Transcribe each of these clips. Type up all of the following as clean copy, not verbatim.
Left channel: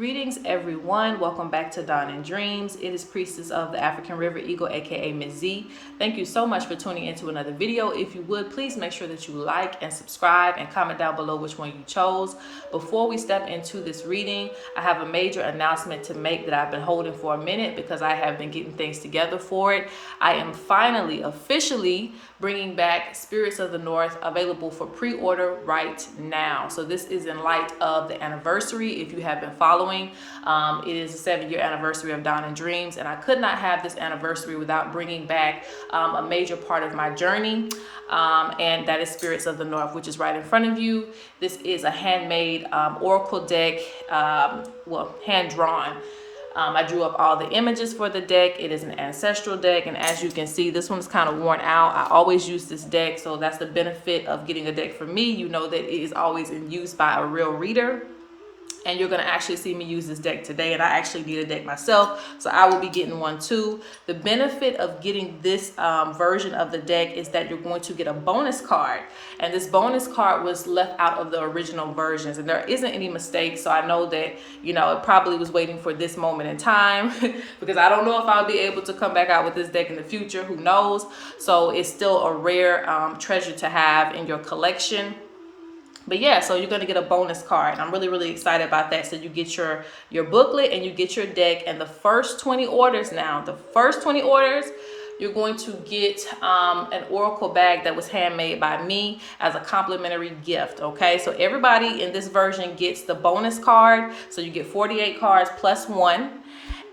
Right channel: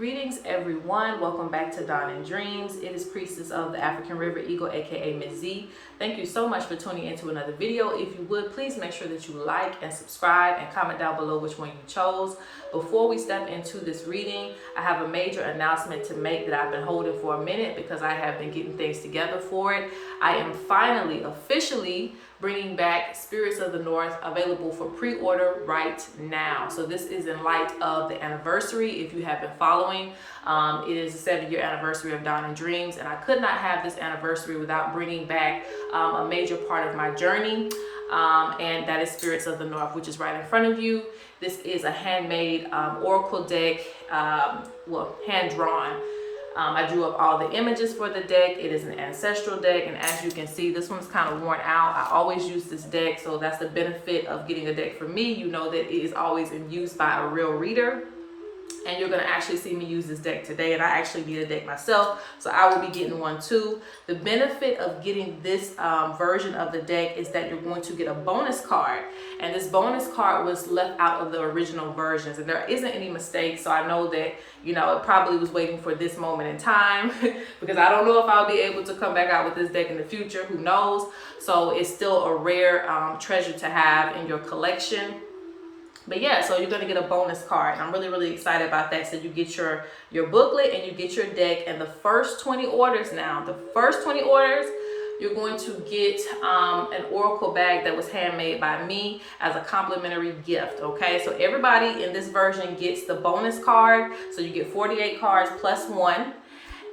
Greetings, everyone. Welcome back to Dawn and Dreams. It is Priestess of the African River Eagle, aka Ms.Z. Thank you so much for tuning into another video. If you would, please make sure that you like and subscribe and comment down below which one you chose. Before we step into this reading, I have a major announcement to make that I've been holding for a minute because I have been getting things together for it. I am finally, officially bringing back Spirits of the North, available for pre-order right now. So this is in light of the anniversary. If you have been following, it is the 7-year anniversary of Dawn and Dreams, and I could not have this anniversary without bringing back a major part of my journey, and that is Spirits of the North, which is right in front of you. This is a handmade oracle deck, hand-drawn. I drew up all the images for the deck. It is an ancestral deck, and as you can see, this one's kind of worn out. I always use this deck, so that's the benefit of getting a deck from me. You know that it is always in use by a real reader. And you're going to actually see me use this deck today, and I actually need a deck myself, so I will be getting one too. The benefit of getting this version of the deck is that you're going to get a bonus card, and this bonus card was left out of the original versions, and there isn't any mistakes, so I know that, you know, it probably was waiting for this moment in time because I don't know if I'll be able to come back out with this deck in the future. Who knows? So it's still a rare treasure to have in your collection. But yeah, so you're going to get a bonus card, and I'm really excited about that. So you get your booklet and you get your deck, and the first 20 orders you're going to get an oracle bag that was handmade by me as a complimentary gift. Okay, so everybody in this version gets the bonus card, so you get 48 cards plus one,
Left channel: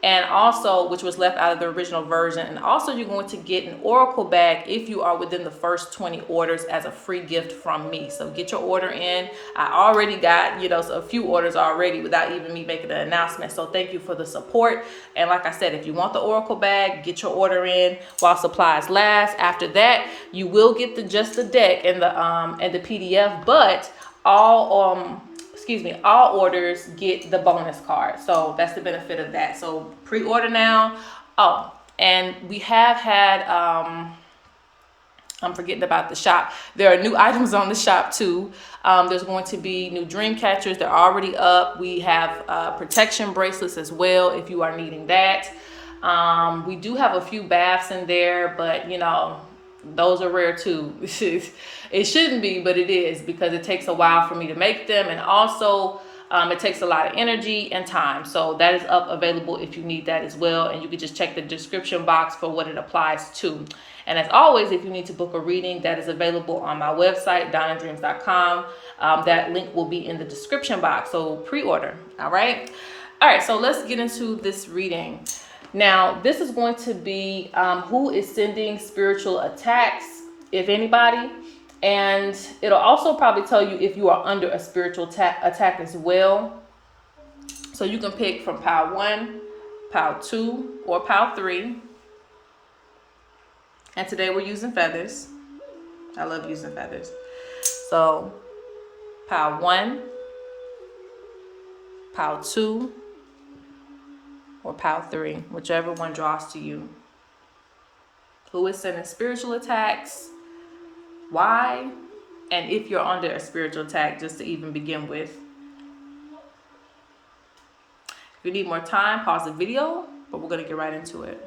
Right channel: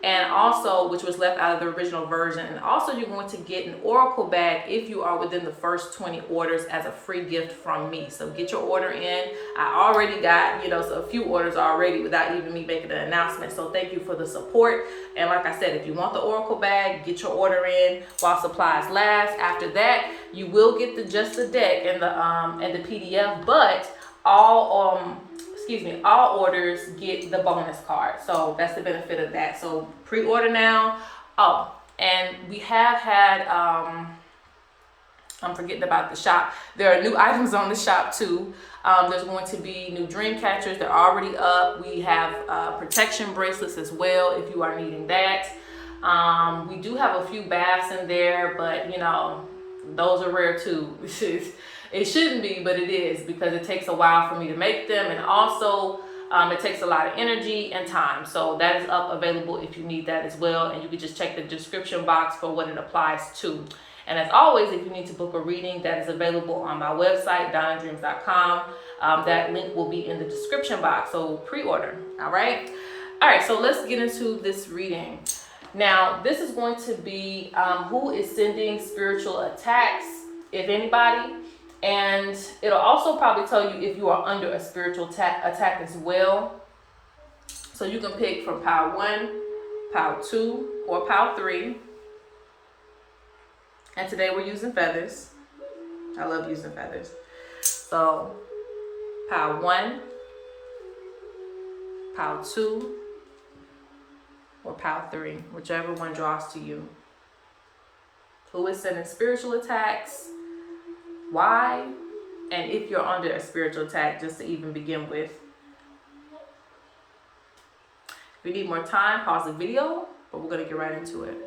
and also, which was left out of the original version. And also you're going to get an oracle bag if you are within the first 20 orders as a free gift from me. So get your order in. I already got, a few orders already without even me making an announcement. So thank you for the support. And like I said, if you want the oracle bag, get your order in while supplies last. After that, you will get just the deck and the PDF, but all orders get the bonus card. So that's the benefit of that. So pre-order now. Oh, and we have had, I'm forgetting about the shop. There are new items on the shop too. There's going to be new Dreamcatchers. They're already up. We have protection bracelets as well if you are needing that. We do have a few baths in there, but those are rare too. It shouldn't be, but it is, because it takes a while for me to make them, and also it takes a lot of energy and time. So that is available if you need that as well, and you can just check the description box for what it applies to. And as always, if you need to book a reading, that is available on my website, dawnanddreams.com. That link will be in the description box, so pre-order. All right, so let's get into this reading. Now, this is going to be who is sending spiritual attacks, if anybody. And it'll also probably tell you if you are under a spiritual attack as well. So you can pick from pile 1, pile 2, or pile 3. And today we're using feathers. I love using feathers. So pile 1, pile 2, or pile 3, whichever one draws to you. Who is sending spiritual attacks? Why? And if you're under a spiritual attack, just to even begin with. If you need more time, pause the video, but we're going to get right into it.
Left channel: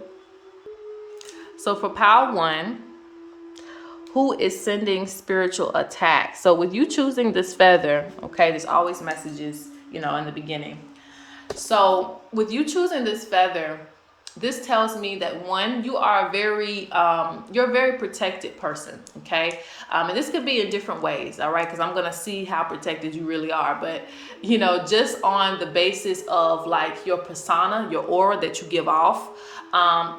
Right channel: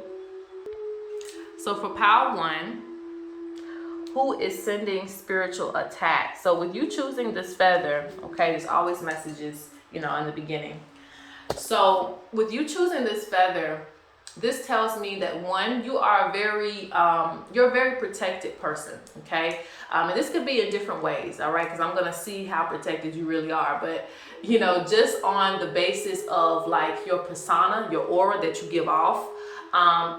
So for pile 1, who is sending spiritual attacks? So with you choosing this feather, okay, there's always messages, in the beginning. So with you choosing this feather, this tells me that, one, you are you're a very protected person, okay? And this could be in different ways, all right? Because I'm going to see how protected you really are. But, just on the basis of like your persona, your aura that you give off,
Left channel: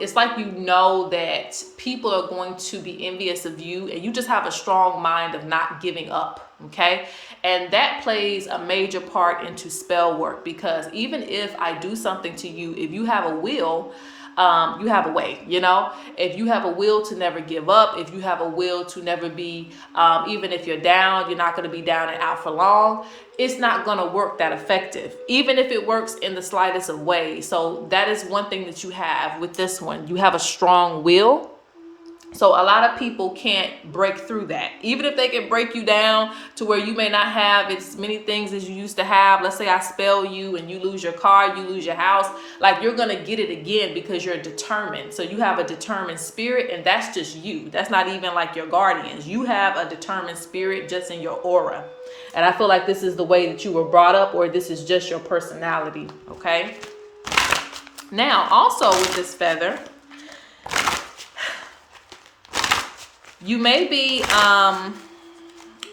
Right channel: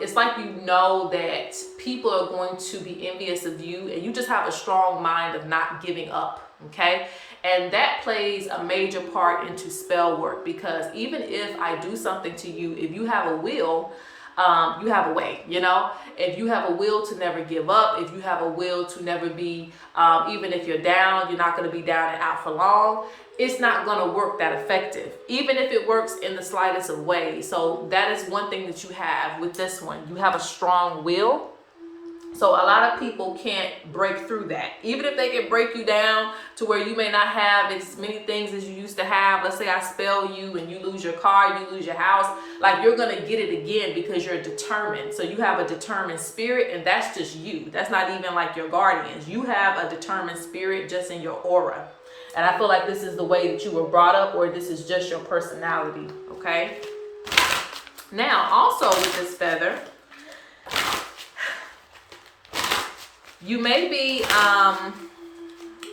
it's like that people are going to be envious of you, and you just have a strong mind of not giving up, okay? And that plays a major part into spell work, because even if I do something to you, if you have a will, you have a way, if you have a will to never give up, if you have a will to never be, even if you're down, you're not going to be down and out for long. It's not going to work that effective, even if it works in the slightest of ways. So that is one thing that you have with this one. You have a strong will. So a lot of people can't break through that. Even if they can break you down to where you may not have as many things as you used to have. Let's say I spell you and you lose your car, you lose your house. Like, you're going to get it again because you're determined. So you have a determined spirit, and that's just you. That's not even like your guardians. You have a determined spirit just in your aura. And I feel like this is the way that you were brought up, or this is just your personality. Okay. Now, also with this feather, you may be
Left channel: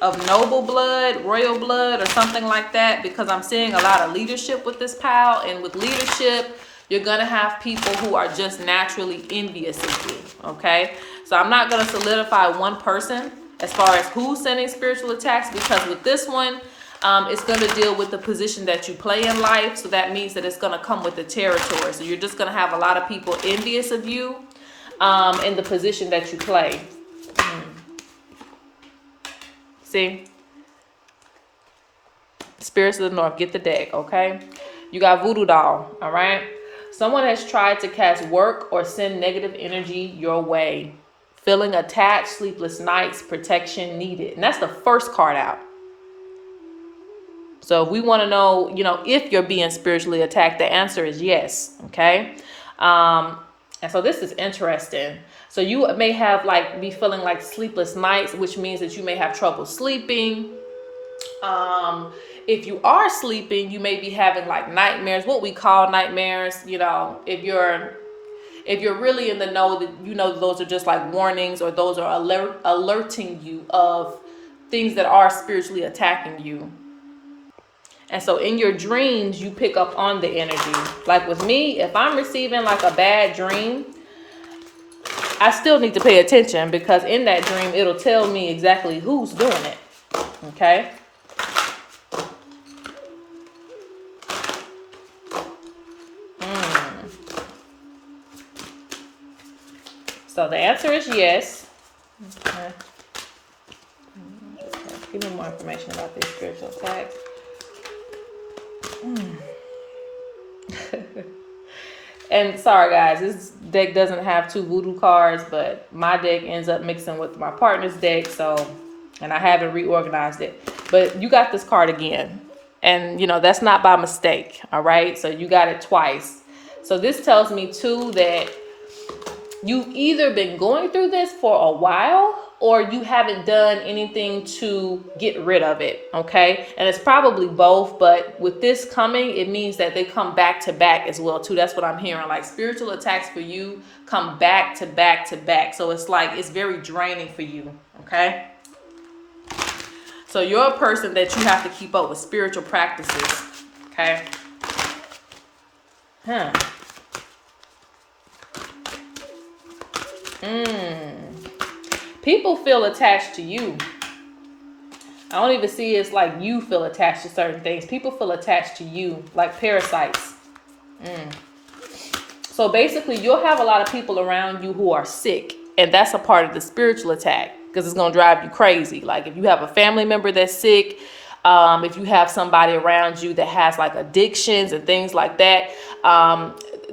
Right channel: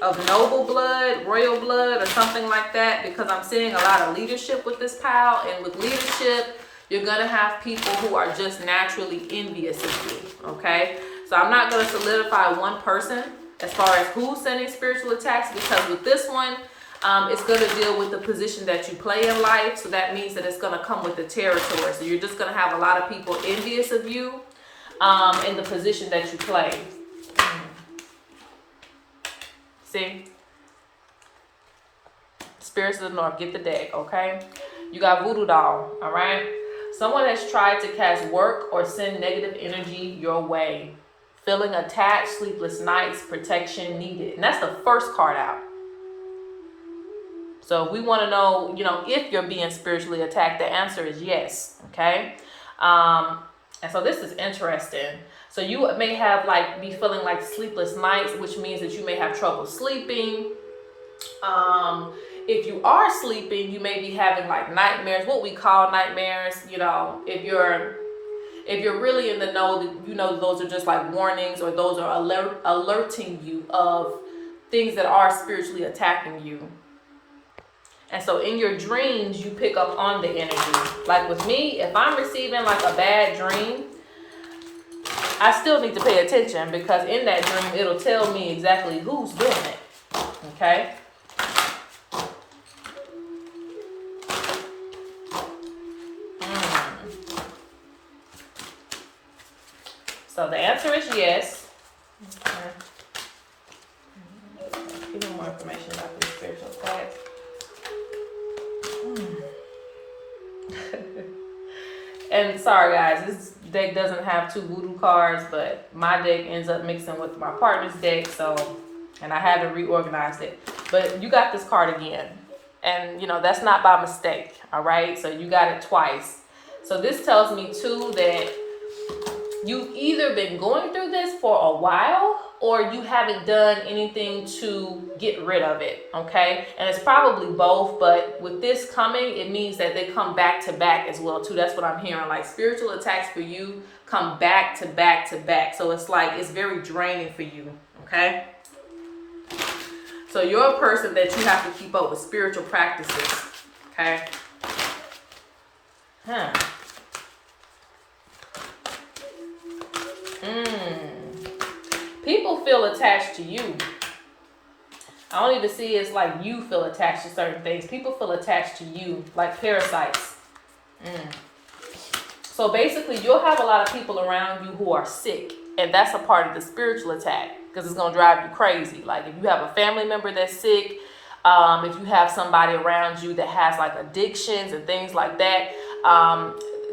of noble blood, royal blood, or something like that, because I'm seeing a lot of leadership with this pal. And with leadership, you're going to have people who are just naturally envious of you, okay? So I'm not going to solidify one person as far as who's sending spiritual attacks, because with this one, it's going to deal with the position that you play in life. So that means that it's going to come with the territory. So you're just going to have a lot of people envious of you in the position that you play. See? Spirits of the North, get the deck, okay? You got voodoo doll, all right? Someone has tried to cast work or send negative energy your way. Feeling attacked, sleepless nights, protection needed. And that's the first card out. So if we want to know, if you're being spiritually attacked, the answer is yes, okay? And so this is interesting. So you may have be feeling like sleepless nights, which means that you may have trouble sleeping. If you are sleeping, you may be having nightmares, what we call nightmares. If you're really in the know, that those are just warnings, or those are alerting you of things that are spiritually attacking you. And so in your dreams, you pick up on the energy. Like with me, if I'm receiving a bad dream, I still need to pay attention, because in that dream, it'll tell me exactly who's doing it. Okay? So the answer is yes. Okay. Give me more information about these spiritual attacks. And sorry guys, this deck doesn't have 2 voodoo cards, but my deck ends up mixing with my partner's deck, and I haven't reorganized it. But you got this card again, and that's not by mistake, all right? So you got it twice. So this tells me too that you've either been going through this for a while, or you haven't done anything to get rid of it, okay? And it's probably both, but with this coming, it means that they come back to back as well too. That's what I'm hearing. Spiritual attacks for you come back to back to back. So it's it's very draining for you, okay? So you're a person that you have to keep up with spiritual practices, okay? People feel attached to you. I don't even see it's you feel attached to certain things. People feel attached to you like parasites. So basically, you'll have a lot of people around you who are sick, and that's a part of the spiritual attack, because it's going to drive you crazy. If you have a family member that's sick, if you have somebody around you that has addictions and things like that,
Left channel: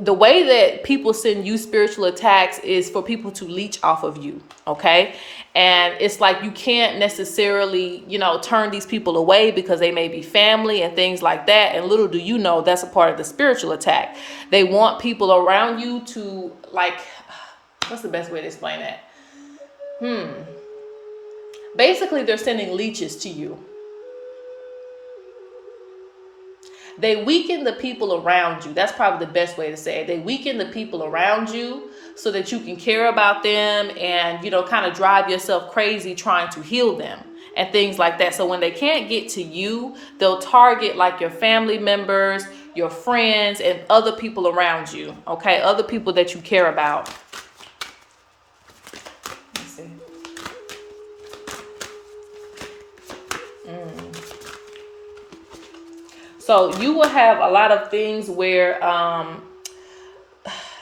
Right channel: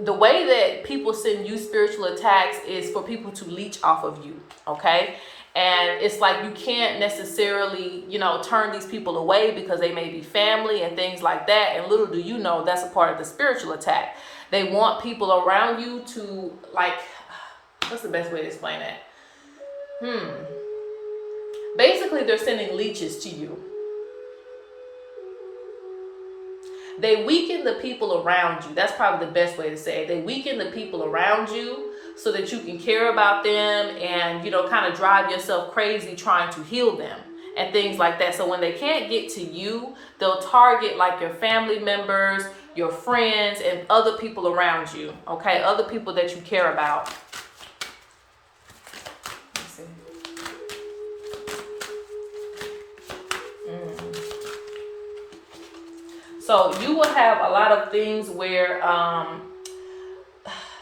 the way that people send you spiritual attacks is for people to leech off of you, okay? And it's you can't necessarily, turn these people away, because they may be family and things like that. And little do you know, that's a part of the spiritual attack. They want people around you to what's the best way to explain that? Basically, they're sending leeches to you. They weaken the people around you. That's probably the best way to say it. They weaken the people around you so that you can care about them and, kind of drive yourself crazy trying to heal them and things like that. So when they can't get to you, they'll target your family members, your friends, and other people around you, okay? Other people that you care about. Let's see. So you will have a lot of things where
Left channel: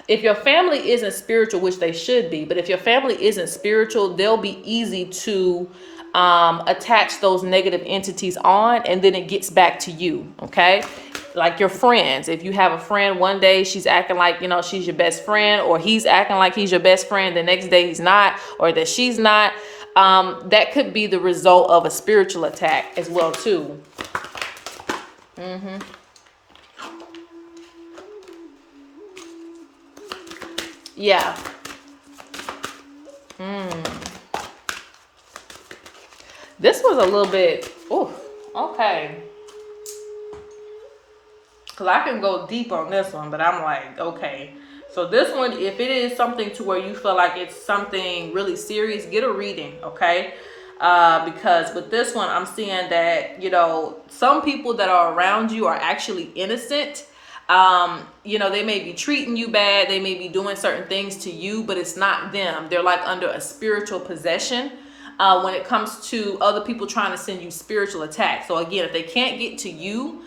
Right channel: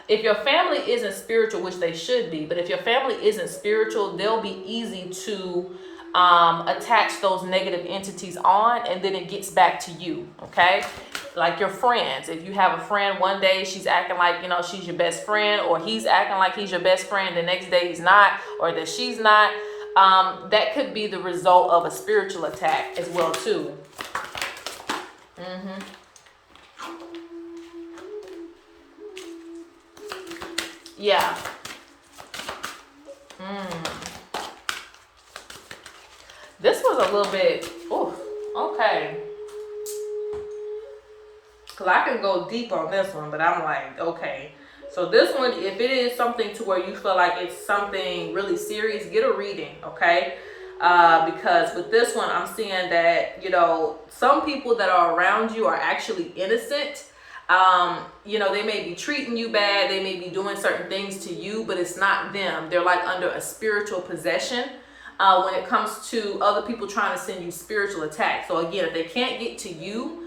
if your family isn't spiritual, which they should be, but if your family isn't spiritual, they'll be easy to attach those negative entities on, and then it gets back to you, okay? like your friends. If you have a friend, one day she's acting like, you know, she's your best friend, or he's acting like he's your best friend, the next day he's not, or that she's not. That could be the result of a spiritual attack as well too. Yeah. This was a little bit, ooh, okay. Because I can go deep on this one, but I'm like, okay. So this one, if it is something to where you feel like it's something really serious, get a reading, okay? Because with this one, I'm seeing that, you know, some people that are around you are actually innocent. You know, they may be treating you bad, they may be doing certain things to you, but it's not them. They're like under a spiritual possession when it comes to other people trying to send you spiritual attacks. So again, if they can't get to you,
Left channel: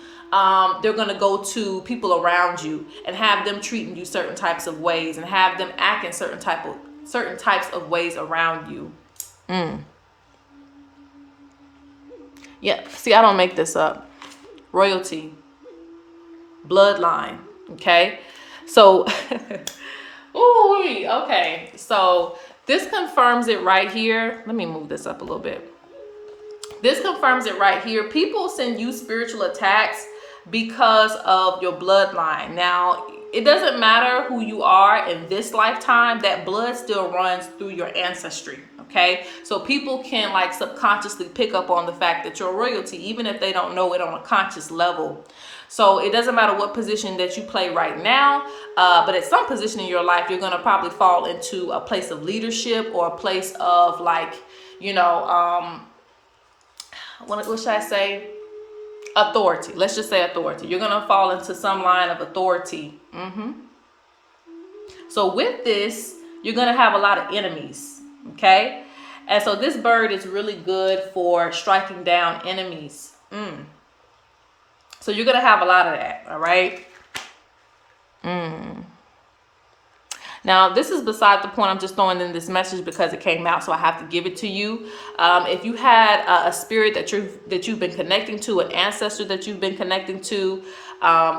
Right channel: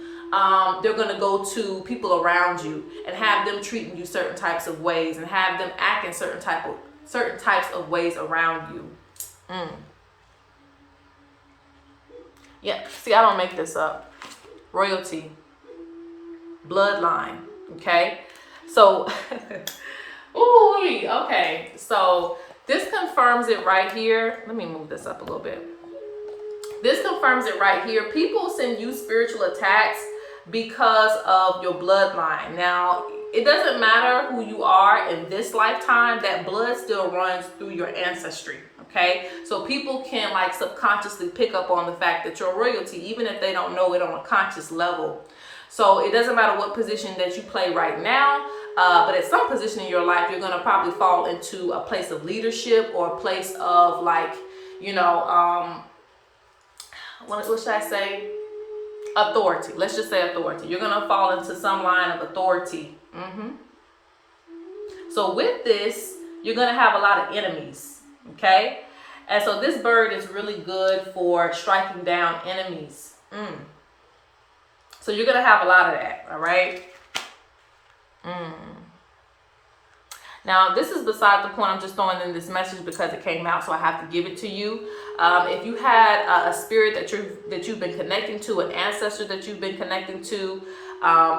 they're going to go to people around you and have them treating you certain types of ways and have them acting certain types of ways around you. Yeah, see, I don't make this up. Royalty, bloodline, okay? So, ooh, okay. So this confirms it right here. Let me move this up a little bit. This confirms it right here. People send you spiritual attacks because of your bloodline. Now, it doesn't matter who you are in this lifetime, that blood still runs through your ancestry, okay? So people can like subconsciously pick up on the fact that you're royalty, even if they don't know it on a conscious level. So it doesn't matter what position that you play right now, but at some position in your life, you're going to probably fall into a place of leadership or a place of like, you know, what should I say? Authority. Let's just say authority. You're going to fall into some line of authority. So with this, you're going to have a lot of enemies. Okay? And so this bird is really good for striking down enemies. So you're going to have a lot of that. All right? Now, this is beside the point. I'm just throwing in this message because it came out, so I have to give it to you. If you had a spirit that you've been connecting to, an ancestor that you've been connecting to,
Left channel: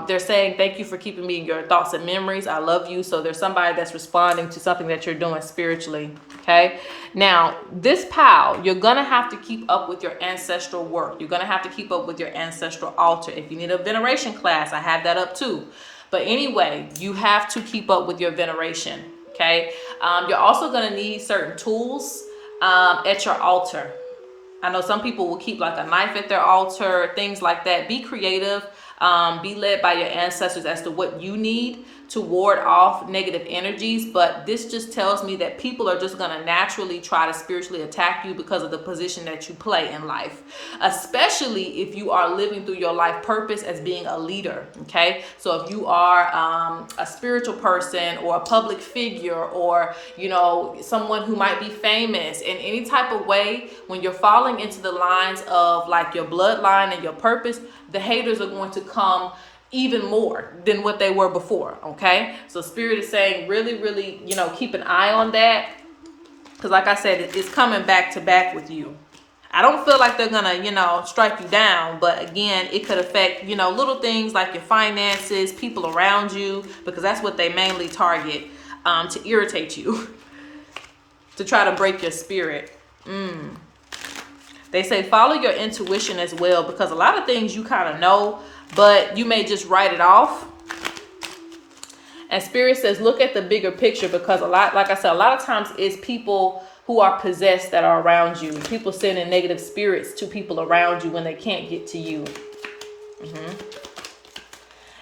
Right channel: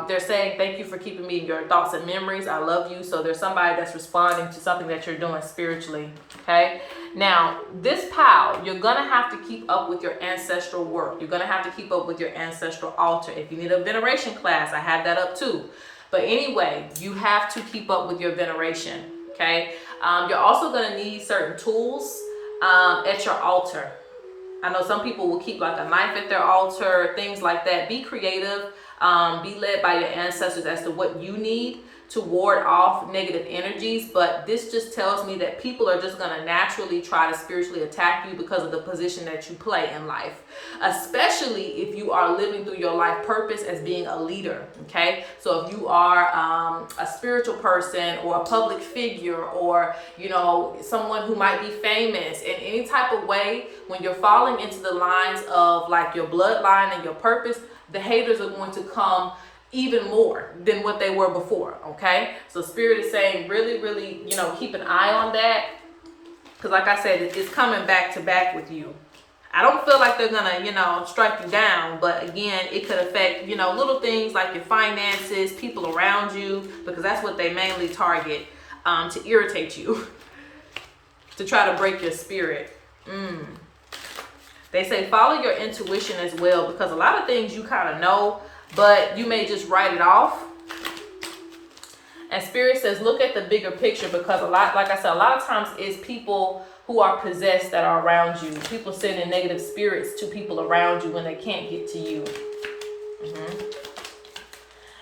they're saying, thank you for keeping me in your thoughts and memories. I love you. So there's somebody that's responding to something that you're doing spiritually. Okay. Now, this pal, you're going to have to keep up with your ancestral work. You're going to have to keep up with your ancestral altar. If you need a veneration class, I have that up too. But anyway, you have to keep up with your veneration, okay? You're also going to need certain tools at your altar. I know some people will keep like a knife at their altar, things like that. Be creative. Be led by your ancestors as to what you need to ward off negative energies. But this just tells me that people are just going to naturally try to spiritually attack you because of the position that you play in life, especially if you are living through your life purpose as being a leader. Okay, so if you are a spiritual person or a public figure, or you know, someone who might be famous in any type of way, when you're falling into the lines of like your bloodline and your purpose, the haters are going to come even more than what they were before. Okay, so Spirit is saying really, really, you know, keep an eye on that, because like I said, it's coming back to back with you. I don't feel like they're gonna, you know, strike you down, but again, it could affect, you know, little things like your finances, people around you, because that's what they mainly target, to irritate you, to try to break your spirit. They say follow your intuition as well, because a lot of things you kind of know, but you may just write it off. And Spirit says look at the bigger picture, because a lot, like I said, a lot of times it's people who are possessed that are around you. People sending negative spirits to people around you when they can't get to you.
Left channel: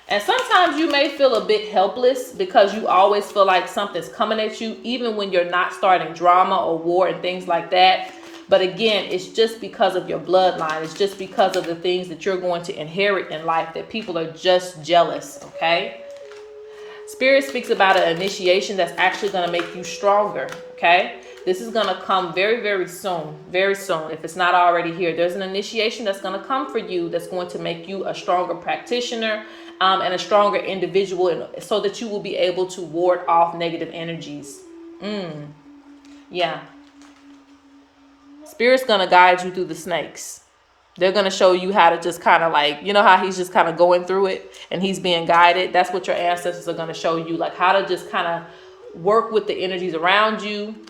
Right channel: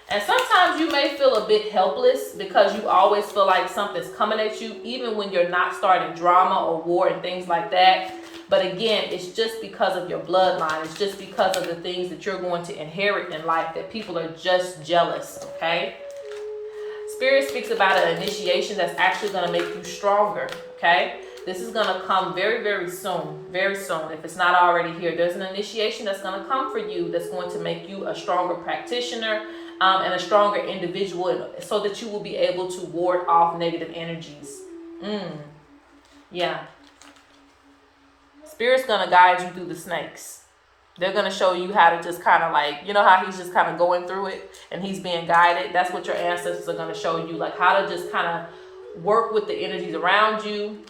And sometimes you may feel a bit helpless because you always feel like something's coming at you, even when you're not starting drama or war and things like that. But again, it's just because of your bloodline. It's just because of the things that you're going to inherit in life that people are just jealous, okay? Spirit speaks about an initiation that's actually going to make you stronger, okay? This is going to come very, very soon, very soon. If it's not already here, there's an initiation that's going to come for you that's going to make you a stronger practitioner and a stronger individual, so that you will be able to ward off negative energies. Yeah. Spirit's going to guide you through the snakes. They're going to show you how to just kind of like, you know how he's just kind of going through it and he's being guided. That's what your ancestors are going to show you, like how to just kind of work with the energies around you.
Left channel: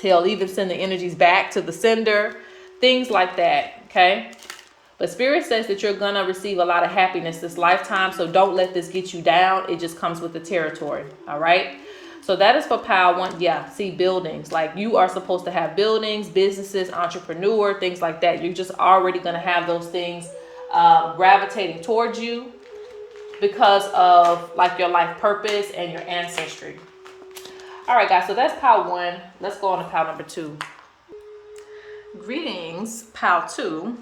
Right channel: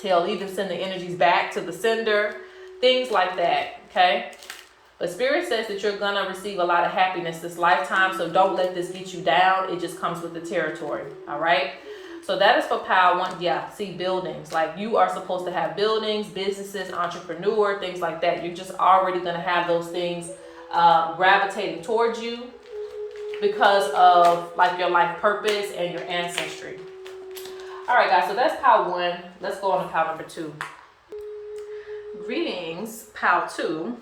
He'll even send the energies back to the sender, things like that, okay? But Spirit says that you're going to receive a lot of happiness this lifetime, so don't let this get you down. It just comes with the territory, all right? So that is for pile 1. Yeah, see, buildings. Like, you are supposed to have buildings, businesses, entrepreneur, things like that. You're just already going to have those things gravitating towards you because of, like, your life purpose and your ancestry. All right, guys, so that's pile 1. Let's go on to pile number 2. Greetings, pile 2.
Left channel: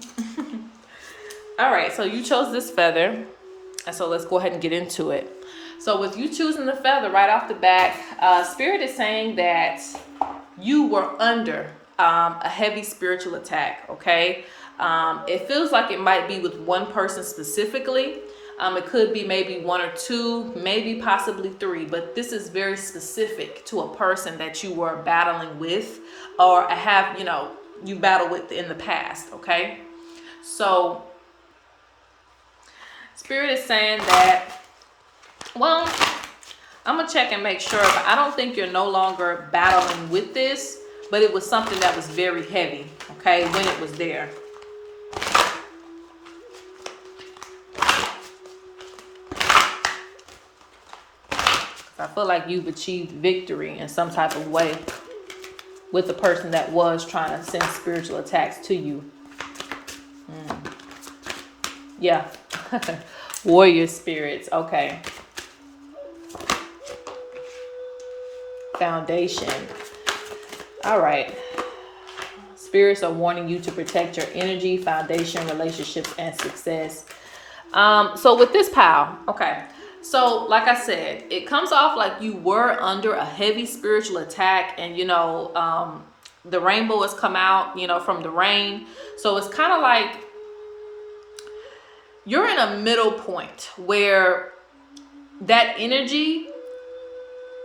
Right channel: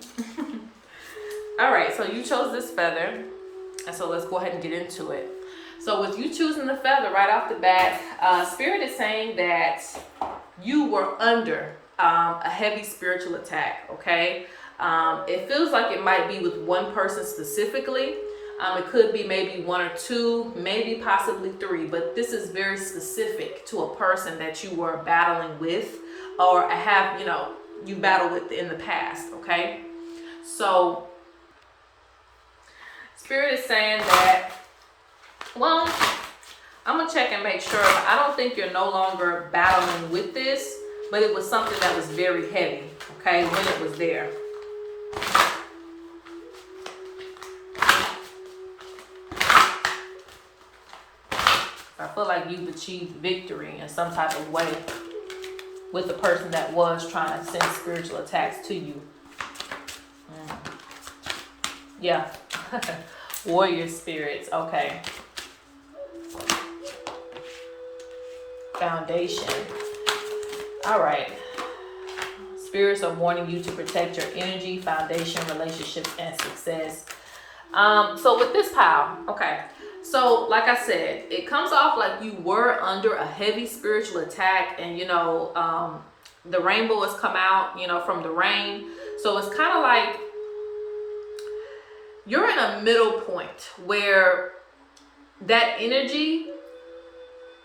All right, so you chose this feather, and so let's go ahead and get into it. So with you choosing the feather right off the bat, Spirit is saying that you were under a heavy spiritual attack, okay? It feels like it might be with one person specifically. It could be maybe 1 or 2, maybe possibly 3, but this is very specific to a person that you were battling with or have, you battled with in the past, okay? So Spirit is saying that, well, I'm going to check and make sure. I don't think you're no longer battling with this, but it was something that was very heavy, okay, when it was there. I feel like you've achieved victory in some type of way with the person that was trying to send spiritual attacks to you. Yeah. Warrior spirits. Okay. Foundation. All right. Spirits are warning you to protect your energy, foundation, relationships, and success. So with this pile, okay. So like I said, it comes off like you were under a heavy spiritual attack, and the rainbow has come out, from the rain. So it's kind of like you're in a middle point where that energy,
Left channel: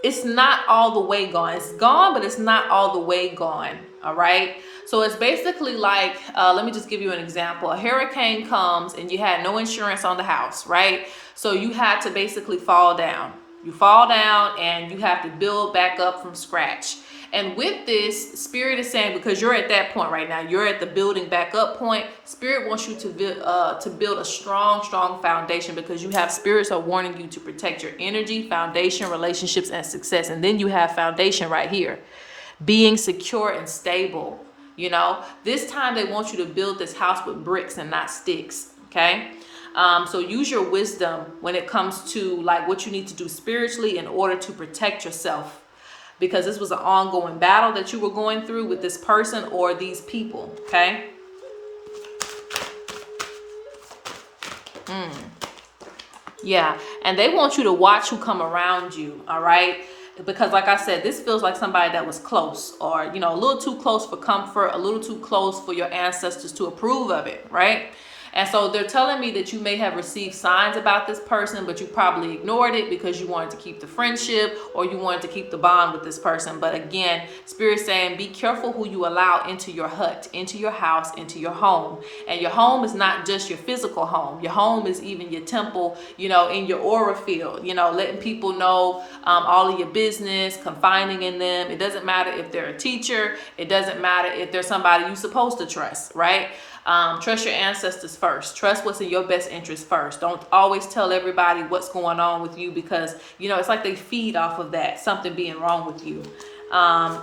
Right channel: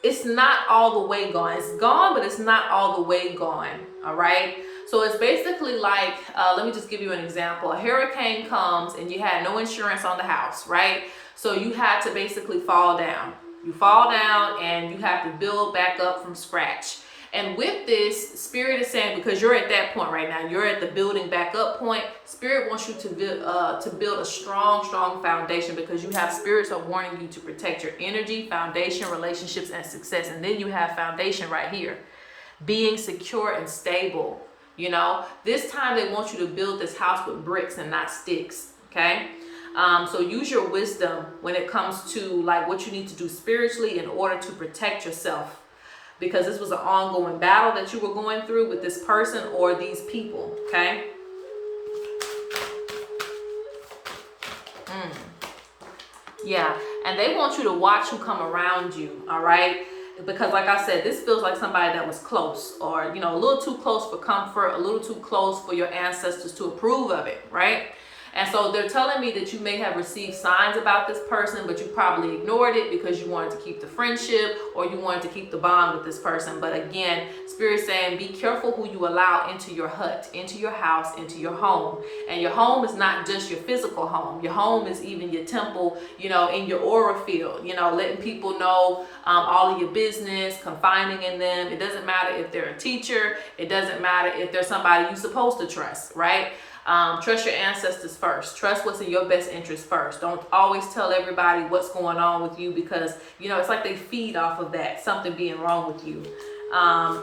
it's not all the way gone. It's gone, but it's not all the way gone. All right. So it's basically like, let me just give you an example. A hurricane comes and you had no insurance on the house, right? So you had to basically fall down. You fall down and you have to build back up from scratch. And with this, Spirit is saying, because you're at that point right now, you're at the building back up point. Spirit wants you to build a strong foundation, because you have spirits are warning you to protect your energy, foundation, relationships, and success. And then you have foundation right here, being secure and stable. This time they want you to build this house with bricks and not sticks. Okay. So use your wisdom when it comes to like what you need to do spiritually in order to protect yourself, because this was an ongoing battle that you were going through with this person or these people. Okay. Yeah. And they want you to watch who come around you. All right. Because like I said, this feels like somebody that was close, or, a little too close for comfort, a little too close for your ancestors to approve of it. Right. And so they're telling me that you may have received signs about this person, but you probably ignored it because you wanted to keep the friendship or you wanted to keep the bond with this person. But again, Spirit's saying, be careful who you allow into your hut, into your house, into your home. And your home is not just your physical home. Your home is even your temple, in your aura field, letting people know all of your business, confiding in them. It doesn't matter if they're a teacher. It doesn't matter if they're somebody you're supposed to trust, right? Trust your ancestors first. Trust what's in your best interest first. Don't always tell everybody what's going on with you, because, it's like they feed off of that, something being wrong with you. Now,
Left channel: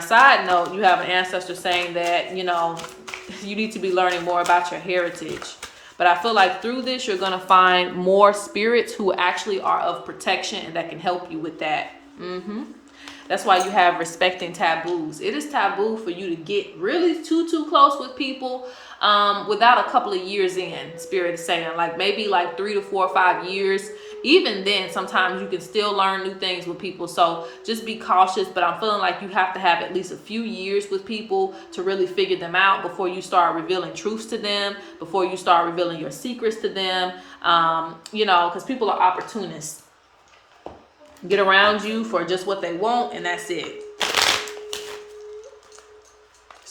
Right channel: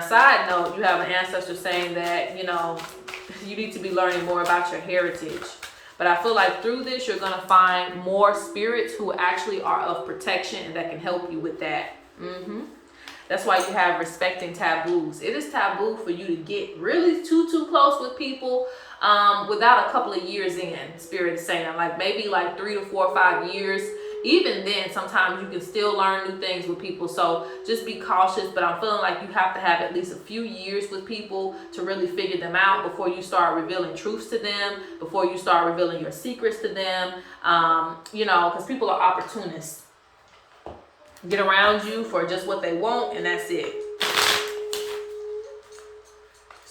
side note, you have an ancestor saying that, you need to be learning more about your heritage. But I feel like through this, you're going to find more spirits who actually are of protection and that can help you with that. That's why you have respecting taboos. It is taboo for you to get really too close with people without a couple of years in. Spirit is saying, like maybe like 3 to 4 or 5 years. Even then, sometimes you can still learn new things with people. So just be cautious. But I'm feeling like you have to have at least a few years with people to really figure them out before you start revealing truths to them, before you start revealing your secrets to them. Because people are opportunists. Get around you for just what they want, and that's it.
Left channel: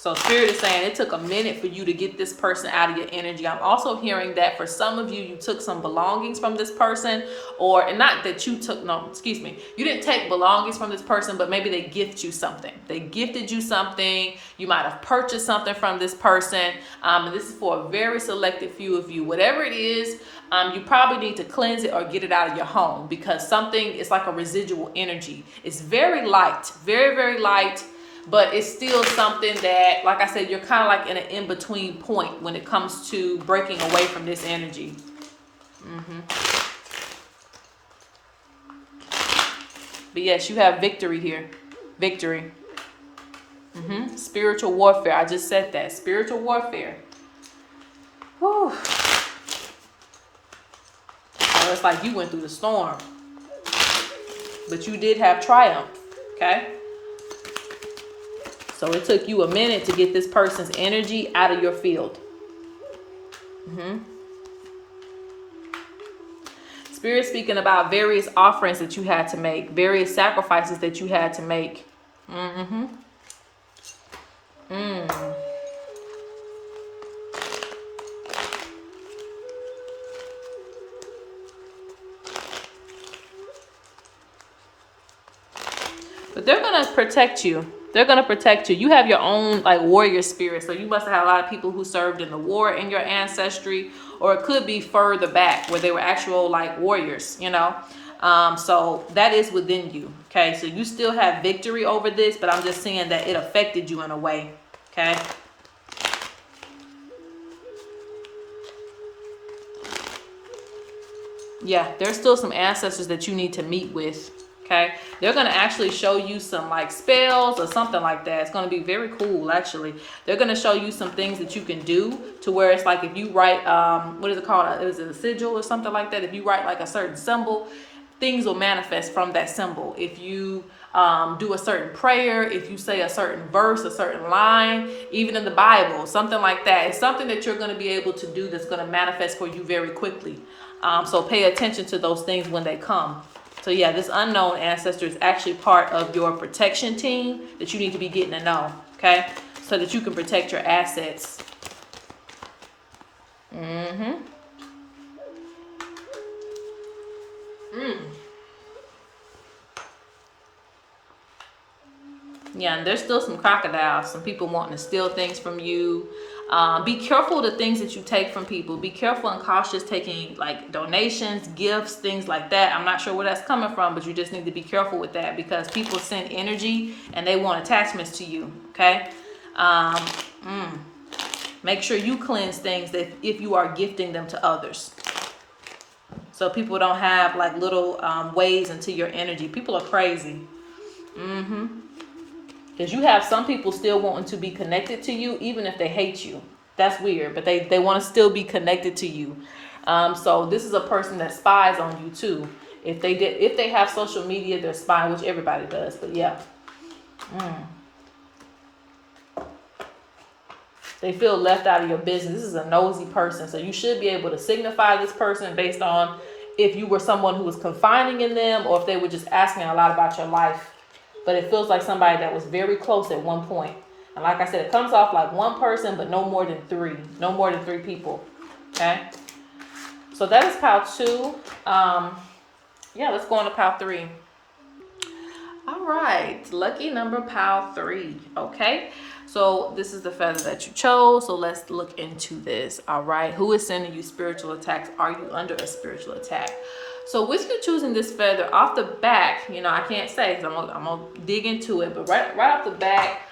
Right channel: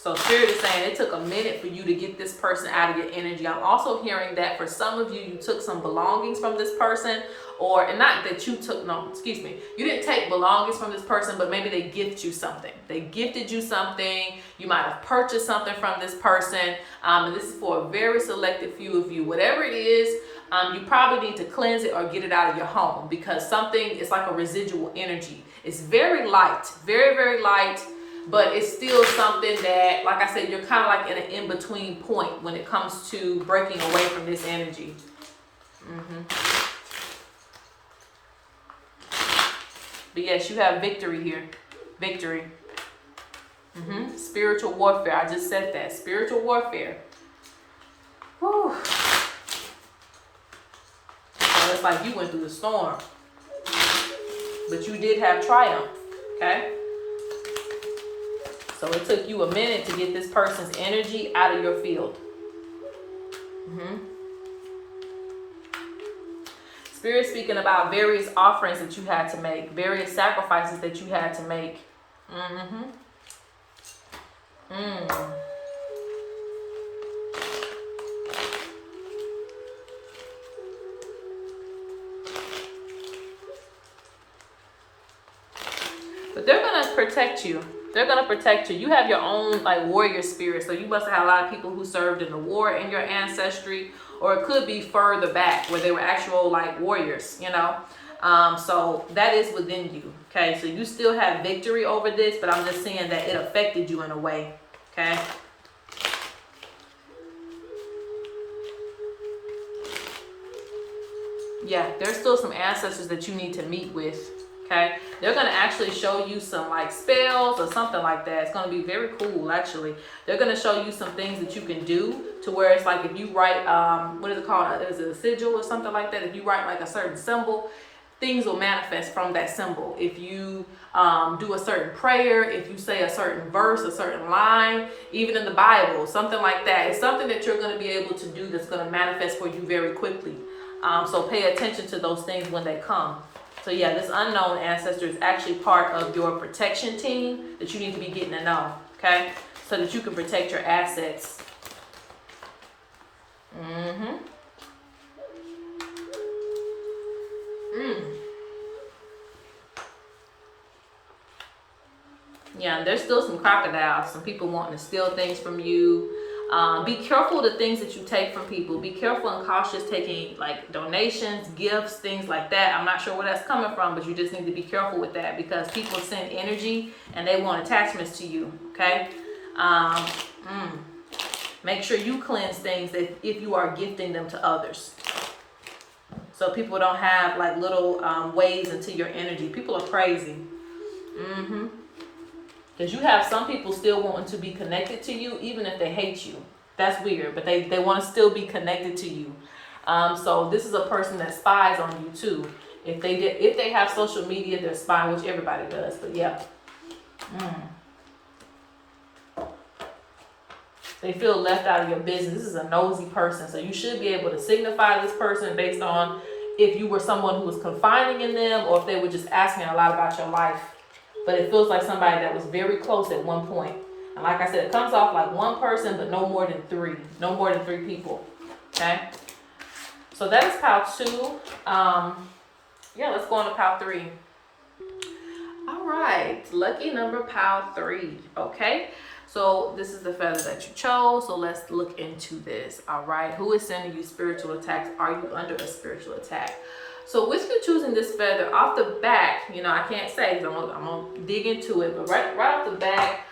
So Spirit is saying it took a minute for you to get this person out of your energy. I'm also hearing that for some of you, you took some belongings from this person, or and not that you took, no, excuse me. You didn't take belongings from this person, but maybe they gift you something. They gifted you something. You might have purchased something from this person. And this is for a very selected few of you. Whatever it is, you probably need to cleanse it or get it out of your home, because something is like a residual energy. It's very light, very, very light. But it's still something that, like I said, you're kind of like in an in-between point when it comes to breaking away from this energy. But yes, you have victory here. Victory. Spiritual warfare. I just said that. Spiritual warfare. Whew. It's like you went through the storm. But you did have triumph. Okay? So it took you a minute to get this person's energy out of your field. Spirit speaking about various offerings that you had to make, various sacrifices that you had to make. But they're going to protect you. They're going to protect you. You have your own like warrior spirit. So you must have had a lot of people who served in the war in your ancestry, or it could be further back where they were actual like warriors, you know. So that is within you. Okay. So you still have victory over this, but I'm just saying that it affected you in a way. Okay. Yeah. There's still some ancestors that you need to meet with. Okay, they're going to actually show you some like spells or something like that. It's going to be very cool, actually. They're going to show you some things that you can do to where it's like if you write, what is it called? Is it a sigil or something like that? If you write like a certain symbol, things will manifest from that symbol. If you do a certain prayer, if you say a certain verse, a certain line, even in the Bible, something like that. It's something that you're going to be able to do that's going to manifest for you very quickly. So pay attention to those things when they come. So yeah, this unknown ancestor is actually part of your protection team that you need to be getting to know, okay? So that you can protect your assets. Yeah, and there's still some crocodiles, some people wanting to steal things from you. Be careful of the things that you take from people. Be careful and cautious taking like donations, gifts, things like that. I'm not sure where that's coming from, but you just need to be careful with that, because people send energy and they want attachments to you. Okay. Make sure you cleanse things that if you are gifting them to others, so people don't have like little ways into your energy. People are crazy. Because you have some people still wanting to be connected to you, even if they hate you. That's weird, but they want to still be connected to you. So this is a person that spies on you too. If they have social media, they're spying, which everybody does. But yeah, they feel left out of your business. This is a nosy person, so you should be able to signify this person based on if you were someone who was confiding in them, or if they were just asking a lot about your life. But it feels like somebody that was very close at one point. And like I said, it comes off like one person, but no more than three. No more than three people. Okay? So that's pile 2. Yeah, let's go on to pile 3. All right. Lucky number pile 3. Okay? So this is the feather that you chose. So let's look into this. All right. Who is sending you spiritual attacks? Are you under a spiritual attack? So with you choosing this feather off the back, you know, I can't say, so I'm gonna dig into it, but right off the back,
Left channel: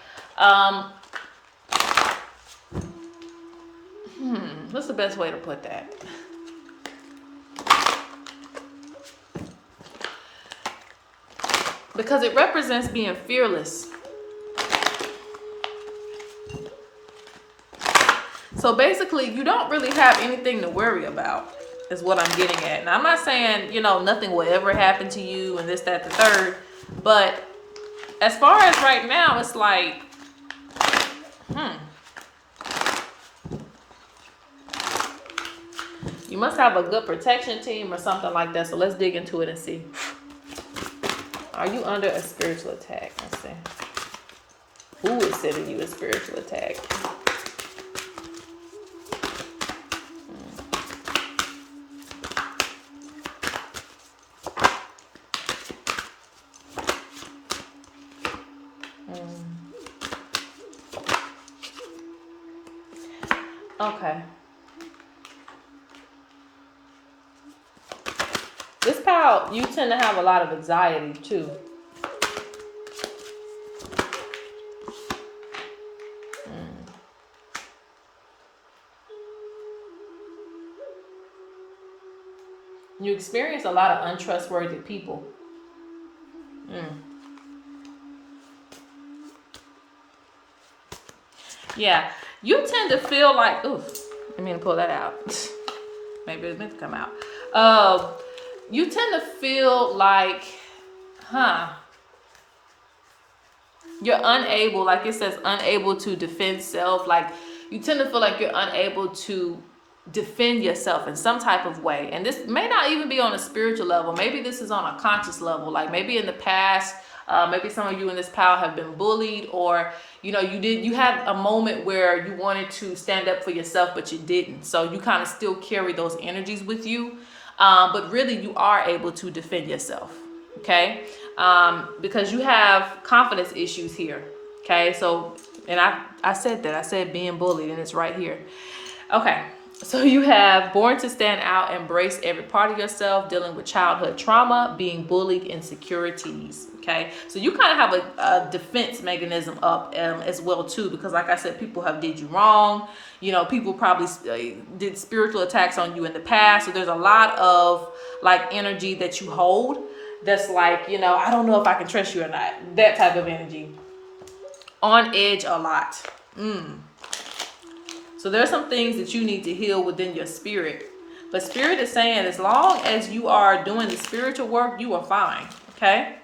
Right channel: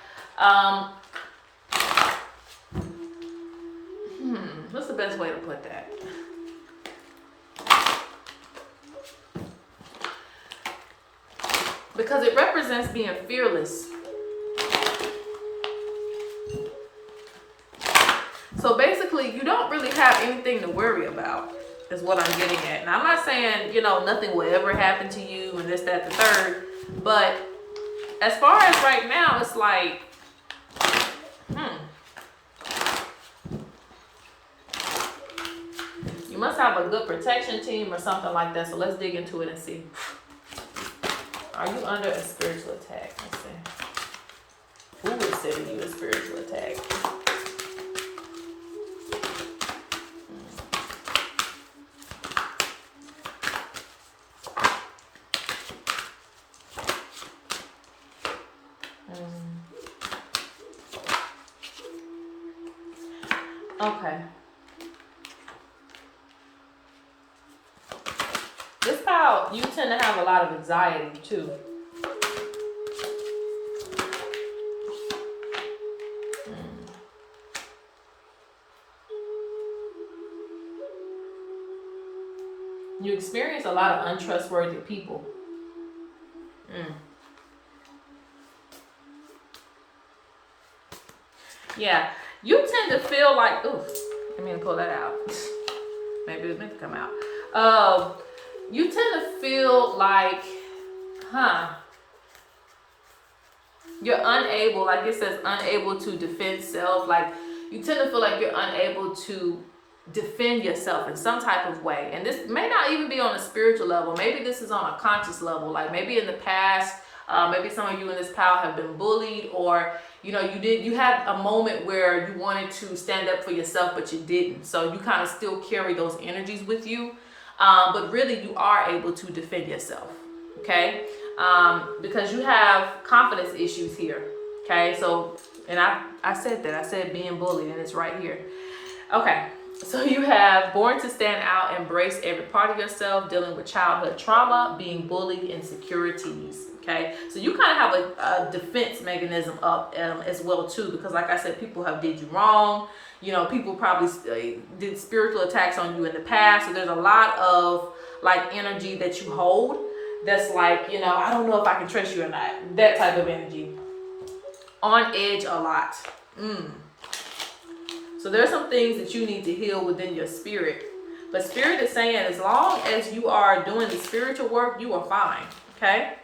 what's the best way to put that? Because it represents being fearless. So basically, you don't really have anything to worry about, is what I'm getting at. And I'm not saying, you know, nothing will ever happen to you and this, that, the third. But as far as right now, it's like, you must have a good protection team or something like that. So let's dig into it and see. Are you under a spiritual attack? Let's see. Who is sending you a spiritual attack? Okay. This pal, you tend to have a lot of anxiety too. You experience a lot of untrustworthy people. Yeah, you tend to feel like, ooh, I mean to pull that out. Maybe it meant to come out. You tend to feel like, you're unable, like it says, unable to defend self. Like you tend to feel like you're unable to defend yourself in some type of way. And this may not even be on a spiritual level. Maybe this is on a conscious level. Like maybe in the past, maybe some of you in this power have been bullied, or you had a moment where you wanted to stand up for yourself, but you didn't. So you kind of still carry those energies with you. But really you are able to defend yourself. Okay. Because you have confidence issues here. Okay. So, and I said that. I said being bullied, and it's right here. Okay. So you have born to stand out, embrace every part of yourself, dealing with childhood trauma, being bullied, insecurities. Okay, so you kind of have a defense mechanism up as well too, because like I said, people have did you wrong. People probably did spiritual attacks on you in the past. So there's a lot of like energy that you hold that's like, I don't know if I can trust you or not. That type of energy. On edge a lot. So there's some things that you need to heal within your spirit. But spirit is saying as long as you are doing the spiritual work, you are fine. Okay?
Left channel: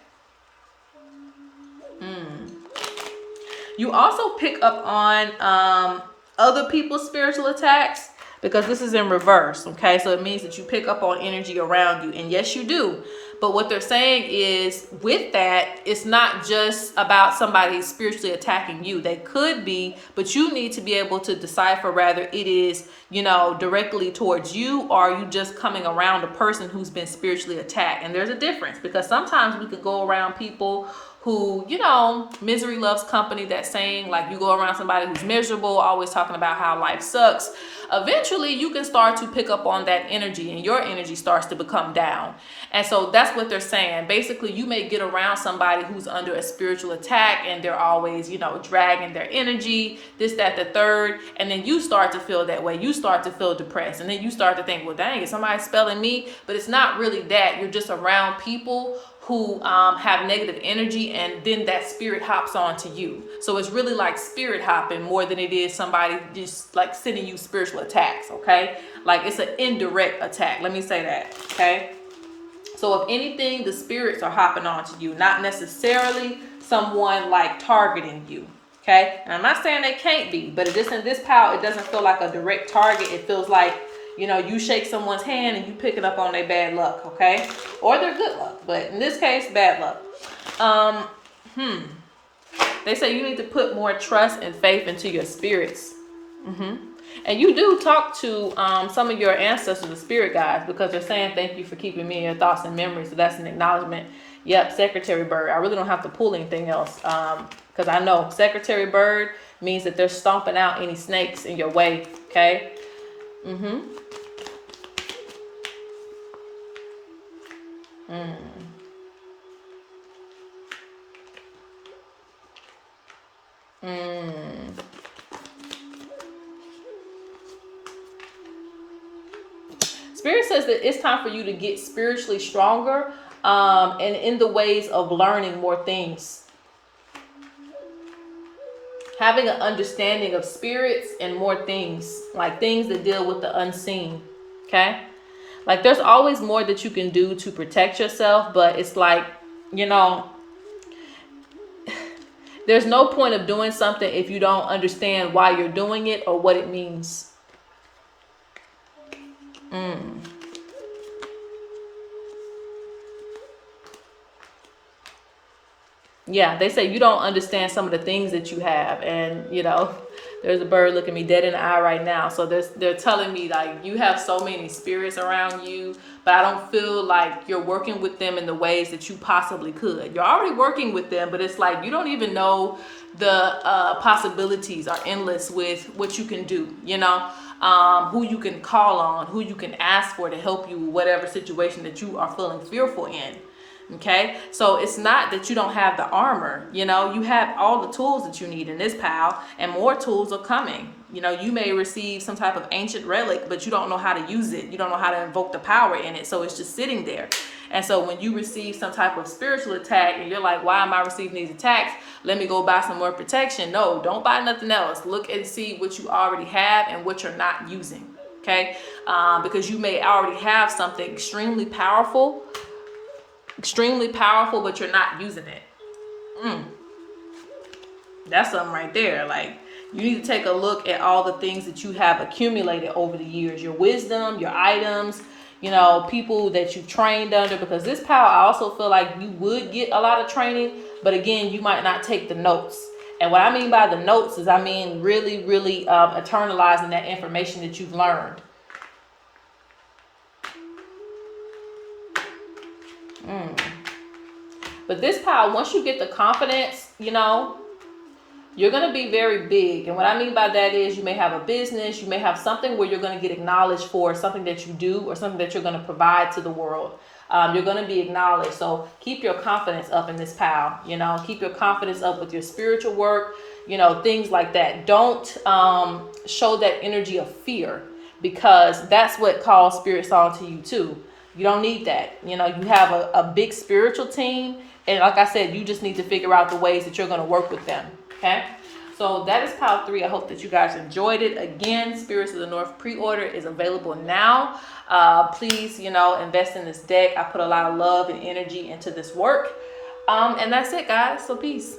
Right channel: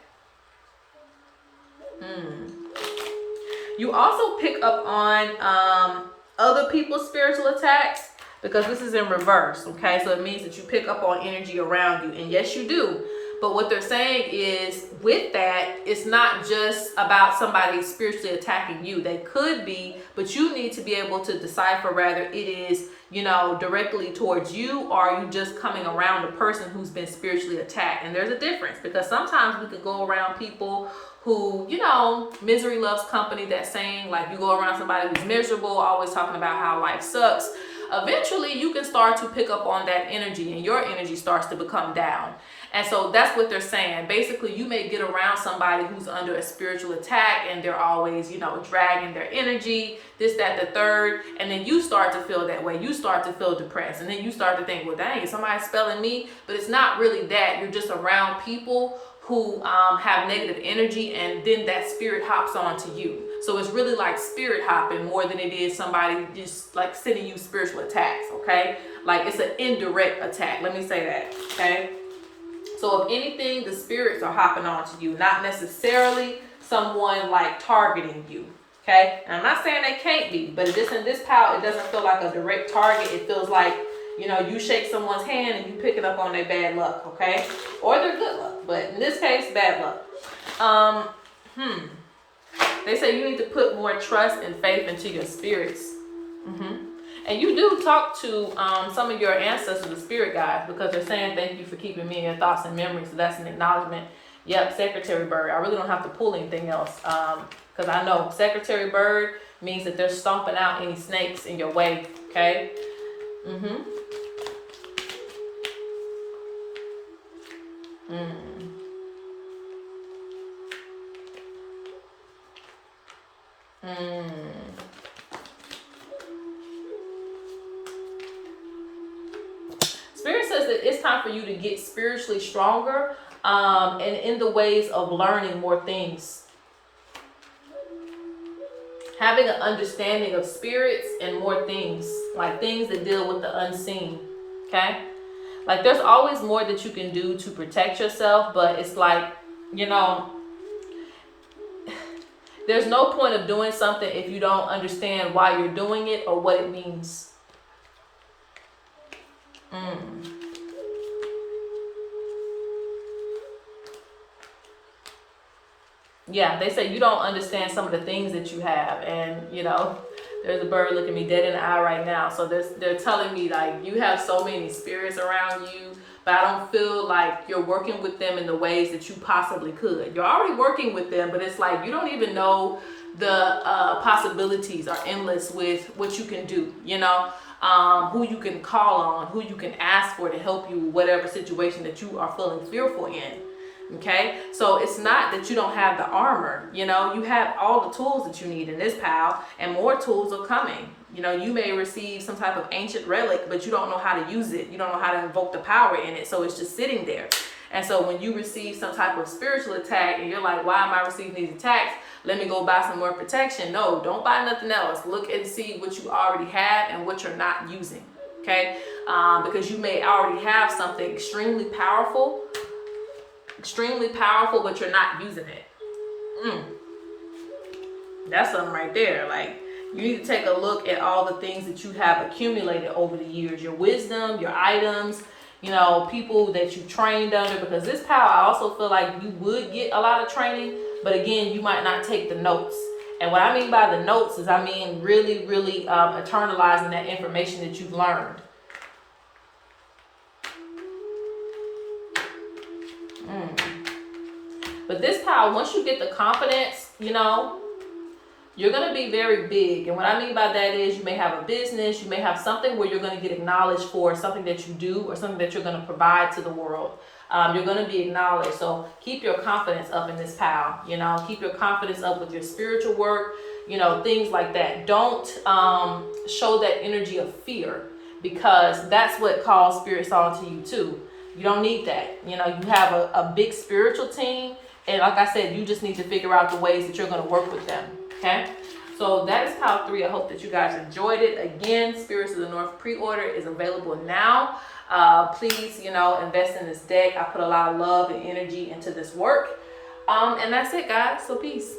You also pick up on other people's spiritual attacks, because this is in reverse. Okay? So it means that you pick up on energy around you. And yes, you do. But what they're saying is, with that, it's not just about somebody spiritually attacking you. They could be, but you need to be able to decipher whether it is, directly towards you, or are you just coming around a person who's been spiritually attacked. And there's a difference, because sometimes we could go around people who, misery loves company, that saying, like you go around somebody who's miserable, always talking about how life sucks. Eventually you can start to pick up on that energy, and your energy starts to become down. And so that's what they're saying. Basically, you may get around somebody who's under a spiritual attack, and they're always, dragging their energy, this, that, the third. And then you start to feel that way. You start to feel depressed. And then you start to think, well, dang, is somebody spelling me? But it's not really that. You're just around people who have negative energy, and then that spirit hops onto you. So it's really like spirit hopping more than it is somebody just like sending you spiritual attacks, okay? Like it's an indirect attack. Let me say that, okay? So if anything, the spirits are hopping onto you, not necessarily someone like targeting you. Okay? And I'm not saying they can't be, but it isn't this power. It doesn't feel like a direct target. It feels like, you shake someone's hand and you picking up on their bad luck, okay? Or their good luck. But in this case, bad luck. They say you need to put more trust and faith into your spirits. And you do talk to some of your ancestors, the spirit guides, because they're saying thank you for keeping me in your thoughts and memories. So that's an acknowledgement. Yep, Secretary Bird. I really don't have to pull anything else, because I know Secretary Bird means that they're stomping out any snakes in your way. Okay. Spirit says that it's time for you to get spiritually stronger, and in the ways of learning more things. Having an understanding of spirits and more things, like things that deal with the unseen. Okay? Like there's always more that you can do to protect yourself, but it's like, there's no point of doing something if you don't understand why you're doing it or what it means. Yeah, they say you don't understand some of the things that you have, and you know, there's a bird looking me dead in the eye right now. So they're telling me like you have so many spirits around you, but I don't feel like you're working with them in the ways that you possibly could. You're already working with them, but it's like you don't even know the possibilities are endless with what you can do. You know, who you can call on, who you can ask for to help you with whatever situation that you are feeling fearful in. Okay, so it's not that you don't have the armor, you know, you have all the tools that you need in this pal, and more tools are coming. You know, you may receive some type of ancient relic, but you don't know how to use it, you don't know how to invoke the power in it, so it's just sitting there. And so when you receive some type of spiritual attack and you're like, why am I receiving these attacks? Let me go buy some more protection. No, don't buy nothing else. Look and see what you already have and what you're not using. Okay, because you may already have something extremely powerful, but you're not using it. That's something right there. Like, you need to take a look at all the things that you have accumulated over the years, your wisdom, your items, you know, people that you've trained under, because this power, I also feel like you would get a lot of training, but again, you might not take the notes. And what I mean by the notes is I mean really, really internalizing that information that you've learned. But this power, once you get the confidence, you know, you're going to be very big. And what I mean by that is you may have a business, you may have something where you're going to get acknowledged for something that you do or something that you're going to provide to the world. You're going to be acknowledged. So keep your confidence up in this power, you know, keep your confidence up with your spiritual work, you know, things like that. Don't show that energy of fear, because that's what calls spirits on to you too. You don't need that. You know, you have a big spiritual team. And like I said, you just need to figure out the ways that you're going to work with them. Okay? So that is pile 3. I hope that you guys enjoyed it. Again, Spirits of the North pre-order is available now. Please, you know, invest in this deck. I put a lot of love and energy into this work. And that's it, guys. So peace.